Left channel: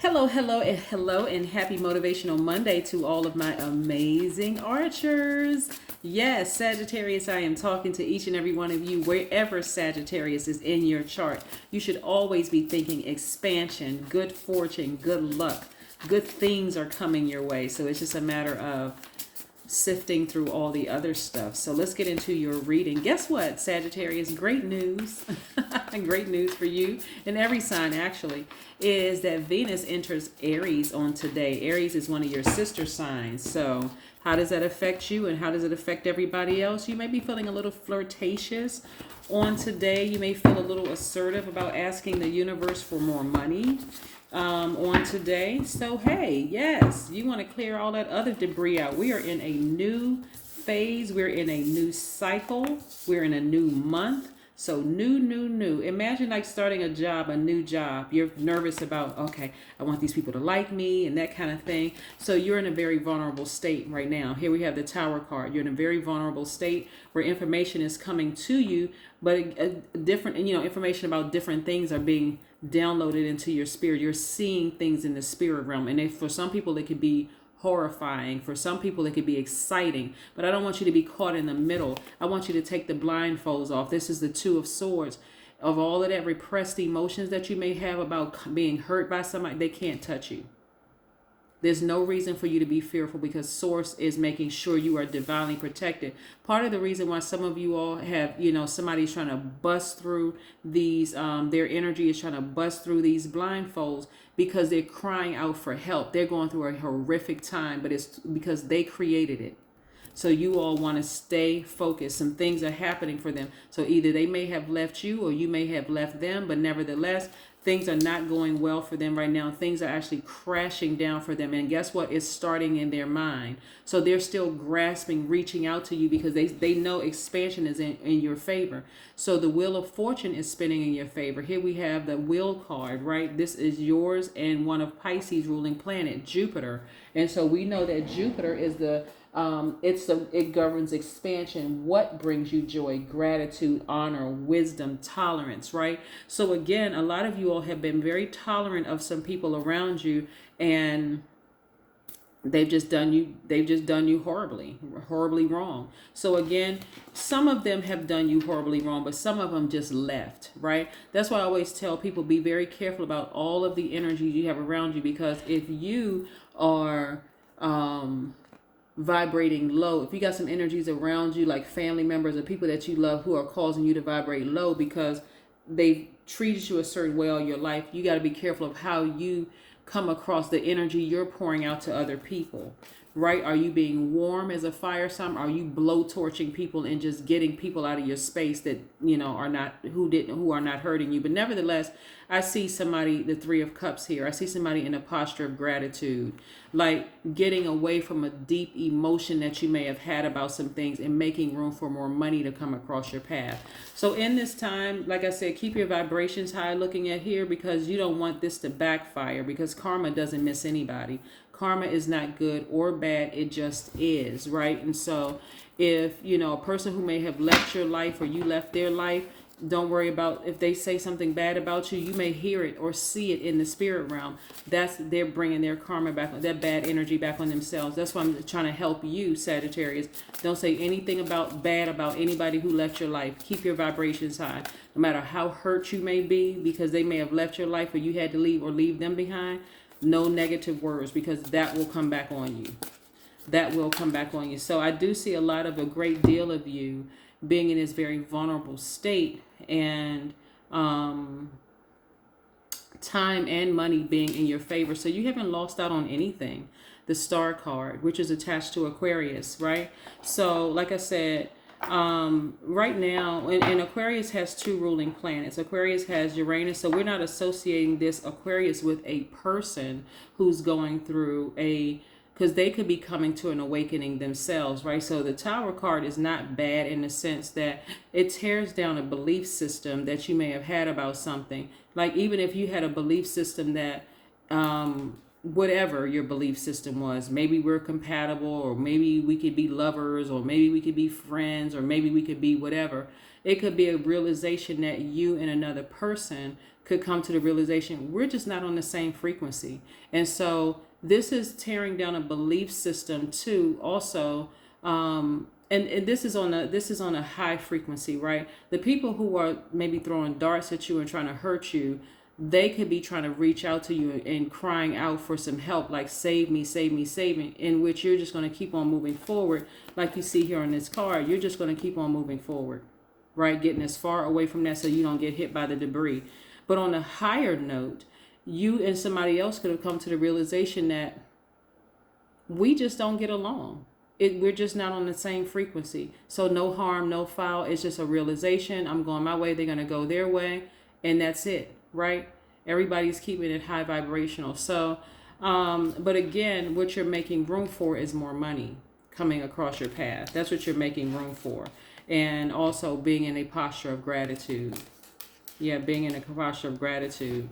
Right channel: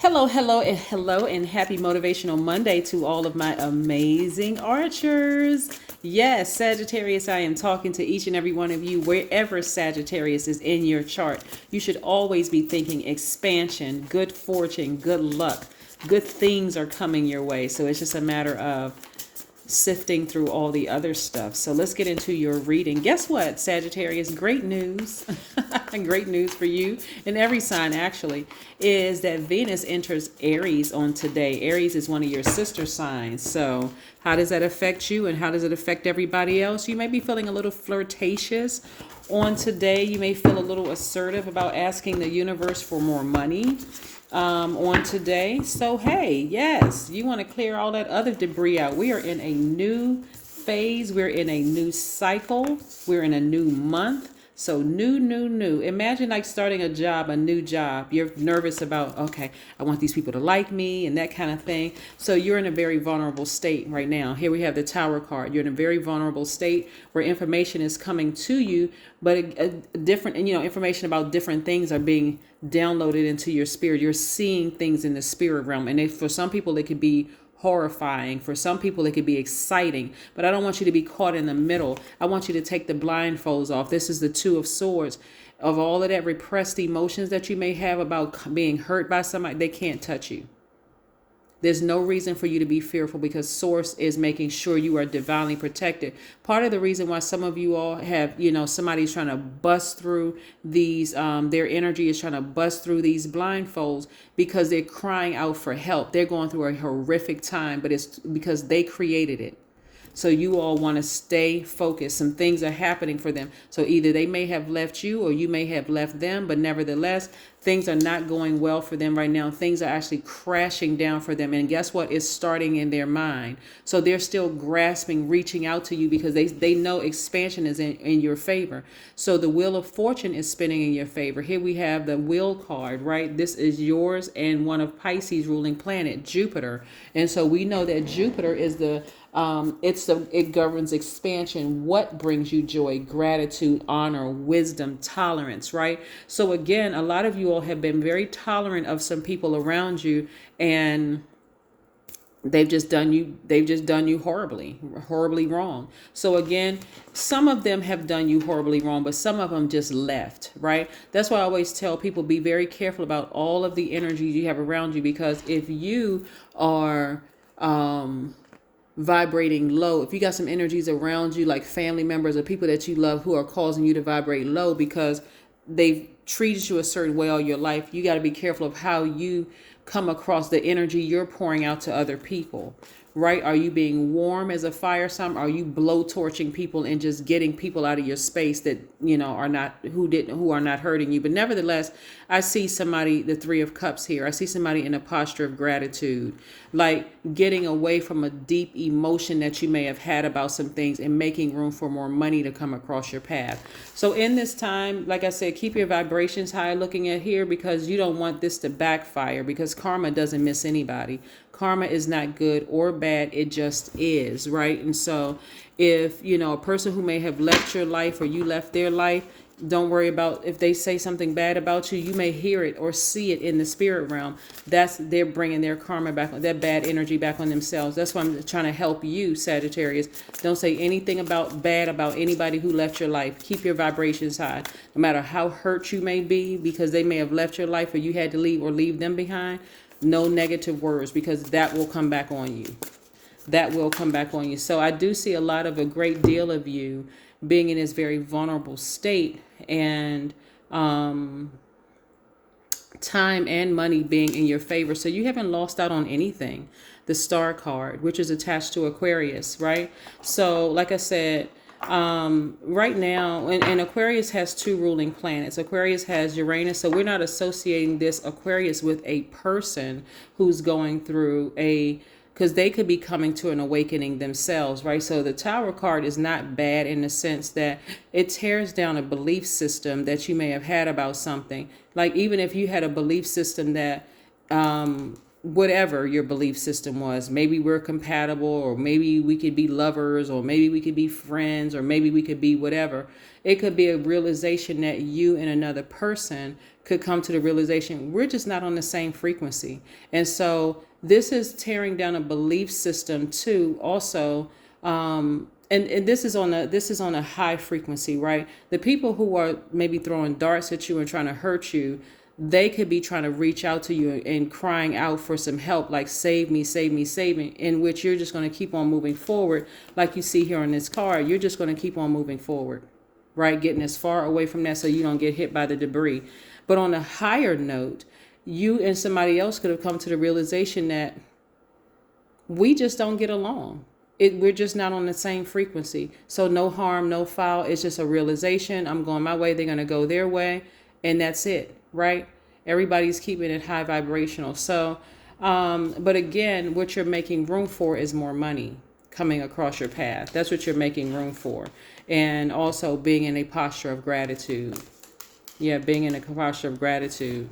Hello, and happy Motivational Monday to all of my amazing archers. Yes, Sagittarius, I am talking to each and every one of you, wherever Sagittarius is in your chart. You should always be thinking expansion, good fortune, good luck, good things are coming your way. So it's just a matter of sifting through all the other stuff. So let's get into your reading. Guess what, Sagittarius? Great news. Great news for you and every sign actually is that Venus enters Aries on today. Aries is one of your sister signs. So how does that affect you and how does it affect everybody else? You may be feeling a little flirtatious on today. You may feel a little assertive about asking the universe for more money on today. So, hey, yes, you want to clear all that other debris out. We are in a new phase, we're in a new cycle, we're in a new month. So new. Imagine like starting a job, a new job. You're nervous about, okay, I want these people to like me and that kind of thing. So you're in a very vulnerable state right now. Here we have the Tower card. You're in a very vulnerable state where information is coming to you, but different, information about different things are being downloaded into your spirit. You're seeing things in the spirit realm. And for some people, it could be horrifying. For some people, it could be exciting, but I don't want you to be caught in the middle. I want you to take the blindfolds off. This is the Two of Swords. Of all of that repressed emotions that you may have about being hurt by somebody, they can't touch you. There's no reason for you to be fearful because Source is making sure you are divinely protected. Part of the reason why some of you all have, somebody's trying to bust through these, their energy is trying to bust through these blindfolds because they're crying out for help. They're going through a horrific time, but it's because they created it. So you all want to stay focused. Some things are happening for them. So either they may have left you or you may have left them, but nevertheless, things are not going well for them right now. Things are actually crashing down for them. And guess what? It's starting in their mind. So they're still grasping, reaching out to you because they know expansion is in your favor. So the Wheel of Fortune is spinning in your favor. Here we have the Wheel card, right? This is yours and one of Pisces' ruling planet, Jupiter. And so we know that Jupiter is it governs expansion. What brings you joy, gratitude, honor, wisdom, tolerance, right? So again, a lot of you all have been very tolerant of some people around you, and they've just done you horribly wrong. So again, some of them have done you horribly wrong, but some of them just left, right? That's why I always tell people, be very careful about all of the energy you have around you, because if you are vibrating low, if you got some energies around you like family members or people that you love who are causing you to vibrate low because they've treated you a certain way all your life, you got to be careful of how you come across, the energy you're pouring out to other people, right? Are you being warm as a fire sign? Are you blowtorching people and just getting people out of your space that who are not hurting you? But nevertheless, I see somebody, the Three of Cups here. I see somebody in a posture of gratitude, like getting away from a deep emotion that you may have had about some things and making room for more money to come across your path. So in this time, like I said, keep your vibrations high looking at here, because you don't want this to backfire, because karma doesn't miss anybody. Karma is not good or bad. It just is, right? And so if, a person who may have left your life or you left their life, don't worry about if they say something bad about you. You may hear it or see it in the spirit realm. They're bringing their karma back, that bad energy back on themselves. That's why I'm trying to help you, Sagittarius. Don't say anything bad about anybody who left your life. Keep your vibrations high, no matter how hurt you may be because they may have left your life or you had to leave or leave them behind. No negative words, because that will come back on you. That will come back on you. So I do see a great deal of you being in this very vulnerable state, and time and money being in your favor. So you haven't lost out on anything. The Star card, which is attached to Aquarius, right? So like I said, right now, and Aquarius has two ruling planets. Aquarius has Uranus, so we're not associating this Aquarius with a person who's going through because they could be coming to an awakening themselves, right? So the Tower card is not bad in the sense that it tears down a belief system that you may have had about something. Like even if you had a belief system that whatever your belief system was, maybe we're compatible, or maybe we could be lovers, or maybe we could be friends, or maybe we could be whatever. It could be a realization that you and another person could come to the realization we're just not on the same frequency. And so this is tearing down a belief system too, also. And this is on a high frequency, right? The people who are maybe throwing darts at you and trying to hurt you, they could be trying to reach out to you and crying out for some help, like save me, save me, save me, in which you're just going to keep on moving forward. Like you see here on this card, you're just going to keep on moving forward, right? Getting as far away from that so you don't get hit by the debris. But on a higher note, you and somebody else could have come to the realization that we just don't get along. We're just not on the same frequency. So no harm, no foul. It's just a realization. I'm going my way. They're going to go their way. And that's it, right? Everybody's keeping it high vibrational. So, but again, what you're making room for is more money coming across your path. That's what you're making room for. And also being in a posture of gratitude. Yeah, being in a posture of gratitude.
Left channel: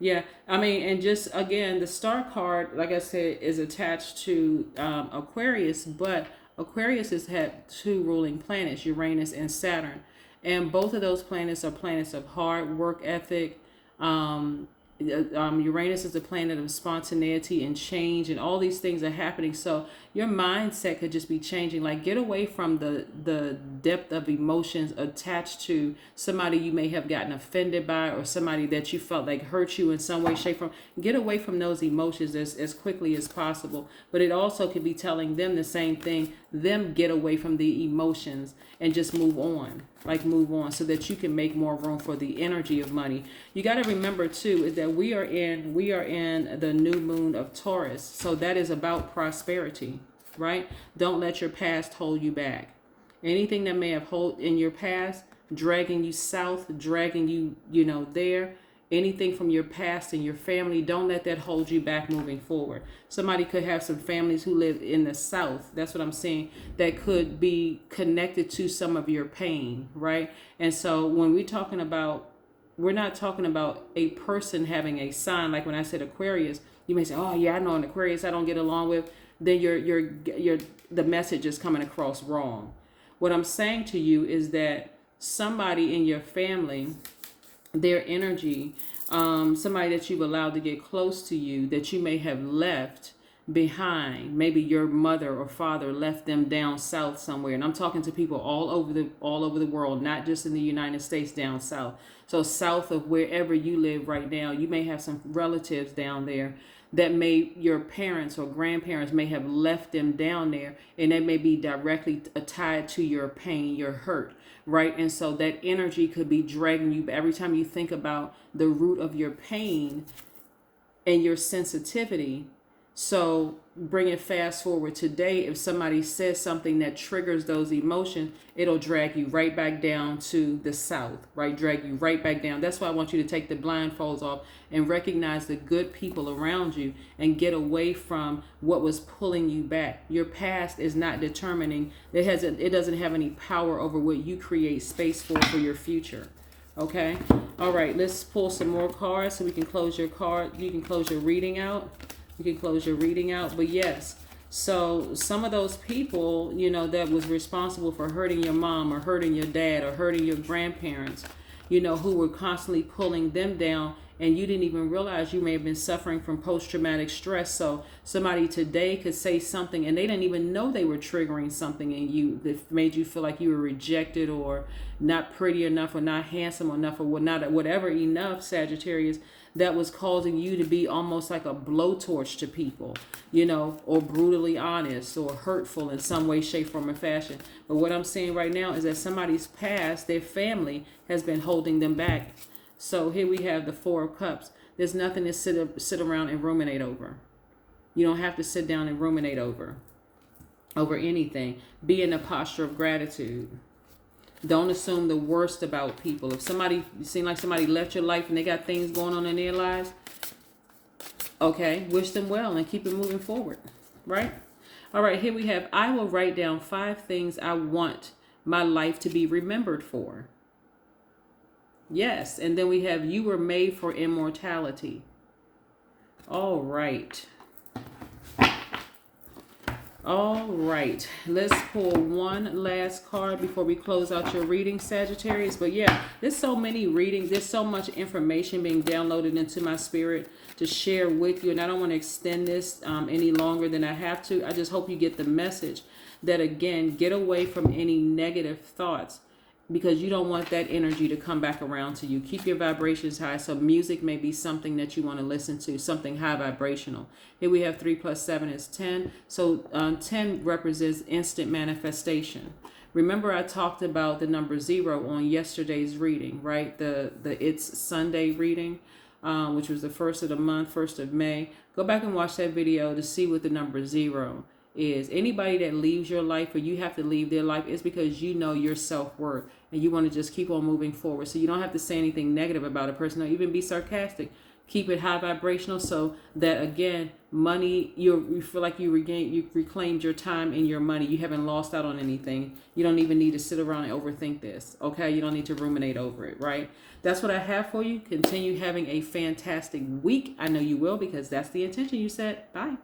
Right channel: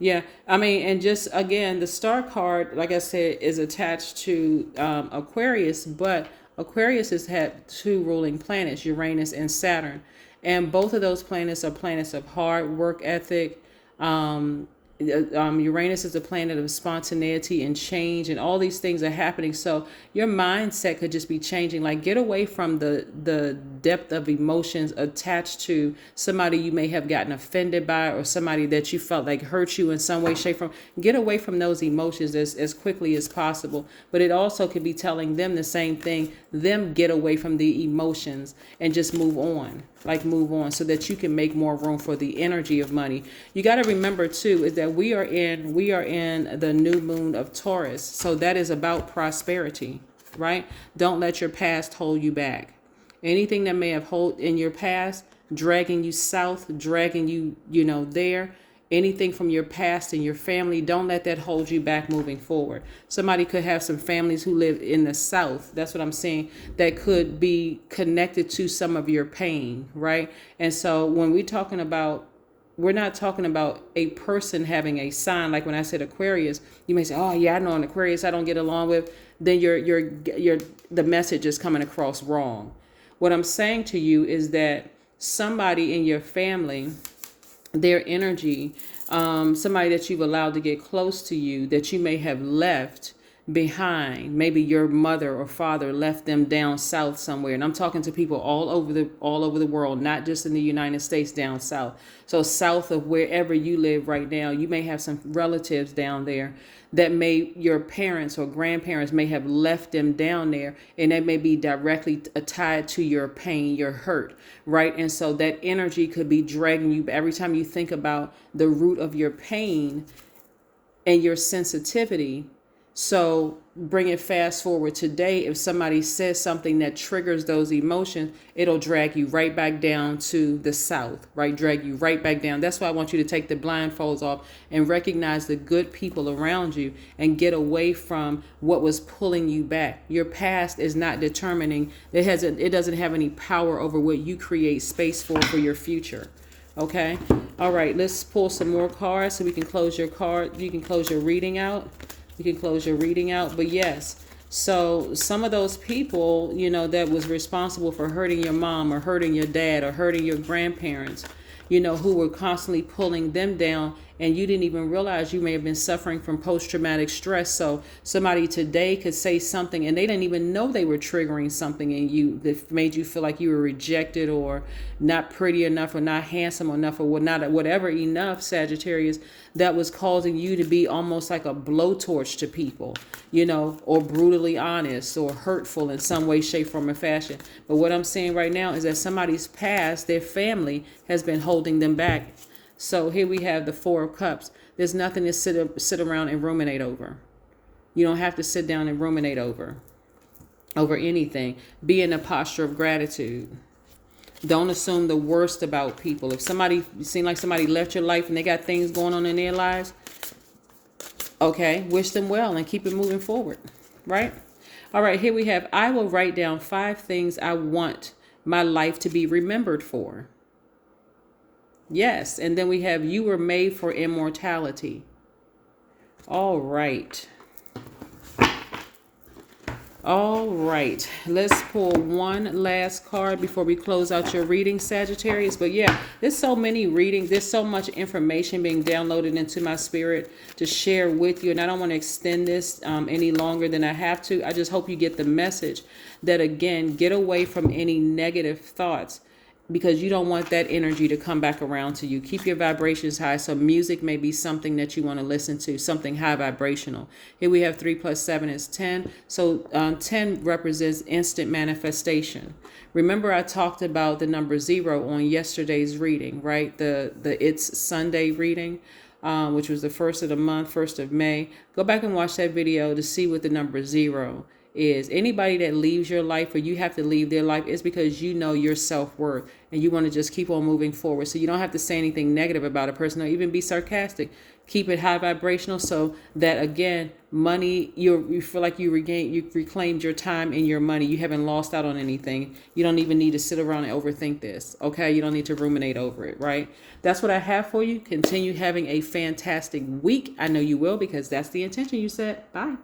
Yeah, I mean, and just again, the star card, like I said, is attached to Aquarius, but Aquarius has had two ruling planets, Uranus and Saturn. And both of those planets are planets of hard work ethic. Uranus is a planet of spontaneity and change, and all these things are happening. So your mindset could just be changing. Like, get away from the depth of emotions attached to somebody you may have gotten offended by, or somebody that you felt like hurt you in some way, shape, form. Get away from those emotions as quickly as possible. But it also could be telling them the same thing. Them get away from the emotions and just move on. Like, move on so that you can make more room for the energy of money. You got to remember too is that we are in the new moon of Taurus. So that is about prosperity, right? Don't let your past hold you back. Anything that may have hold in your past, dragging you south, dragging you, there, anything from your past and your family, don't let that hold you back moving forward. Somebody could have some families who live in the South. That's what I'm saying. That could be connected to some of your pain, right? And so when we're not talking about a person having a sign. Like when I said Aquarius, you may say, oh yeah, I know an Aquarius I don't get along with. Then the message is coming across wrong. What I'm saying to you is that somebody in your family, their energy, somebody that you've allowed to get close to you that you may have left behind. Maybe your mother or father left them down south somewhere. And I'm talking to people all over the world, not just in the United States, down south. So south of wherever you live right now, you may have some relatives down there that your parents or grandparents may have left them down there, and that may be directly tied to your pain, your hurt, right? And so that energy could be dragging you every time you think about the root of your pain and your sensitivity. So bring it fast forward today. If somebody says something that triggers those emotions, it'll drag you right back down to the south, right? Drag you right back down. That's why I want you to take the blindfolds off and recognize the good people around you and get away from what was pulling you back. Your past is not determining. It doesn't have any power over what you create space for your future. Okay. All right. Let's pull some more cards so we can close your card. You can close your reading out. You can close your reading out. But yes, so some of those people, that was responsible for hurting your mom or hurting your dad or hurting your grandparents, who were constantly pulling them down, and you didn't even realize you may have been suffering from post-traumatic stress. So somebody today could say something and they didn't even know they were triggering something in you that made you feel like you were rejected or not pretty enough or not handsome enough or not whatever enough, Sagittarius, that was causing you to be almost like a blowtorch to people, or brutally honest or hurtful in some way, shape, form, or fashion. But what I'm saying right now is that somebody's past, their family, has been holding them back. So here we have the Four of Cups. There's nothing to sit around and ruminate over. You don't have to sit down and ruminate over anything. Be in a posture of gratitude. Don't assume the worst about people. If you seem like somebody left your life and they got things going on in their lives, okay, wish them well and keep it moving forward, right? All right, here we have, I will write down 5 things I want my life to be remembered for. Yes, and then we have, you were made for immortality. All right. All right, let's pull one last card before we close out your reading, Sagittarius. But yeah, there's so many readings, there's so much information being downloaded into my spirit to share with you, and I don't want to extend this any longer than I have to. I just hope you get the message that, again, get away from any negative thoughts, because you don't want that energy to come back around to you. Keep your vibrations high. So music may be something that you want to listen to, something high vibrational. Here we have 3 plus 7 is 10. So 10 represents instant manifestation. Remember, I talked about the number 0 on yesterday's reading, right? The It's Sunday reading, which was the first of the month, 1st of May. Go back and watch that video to see what the number 0 is. Anybody that leaves your life, or you have to leave their life, is because you know your self-worth and you want to just keep on moving forward. So you don't have to say anything negative about a person or even be sarcastic. Keep it high vibrational, so that, again, money, you feel like you reclaimed your time and your money. You haven't lost out on anything. You don't even need to sit around and overthink this. Okay, you don't need to ruminate over it, right? That's what I have for you. Continue having a fantastic week. I know you will, because that's the intention you set. Bye.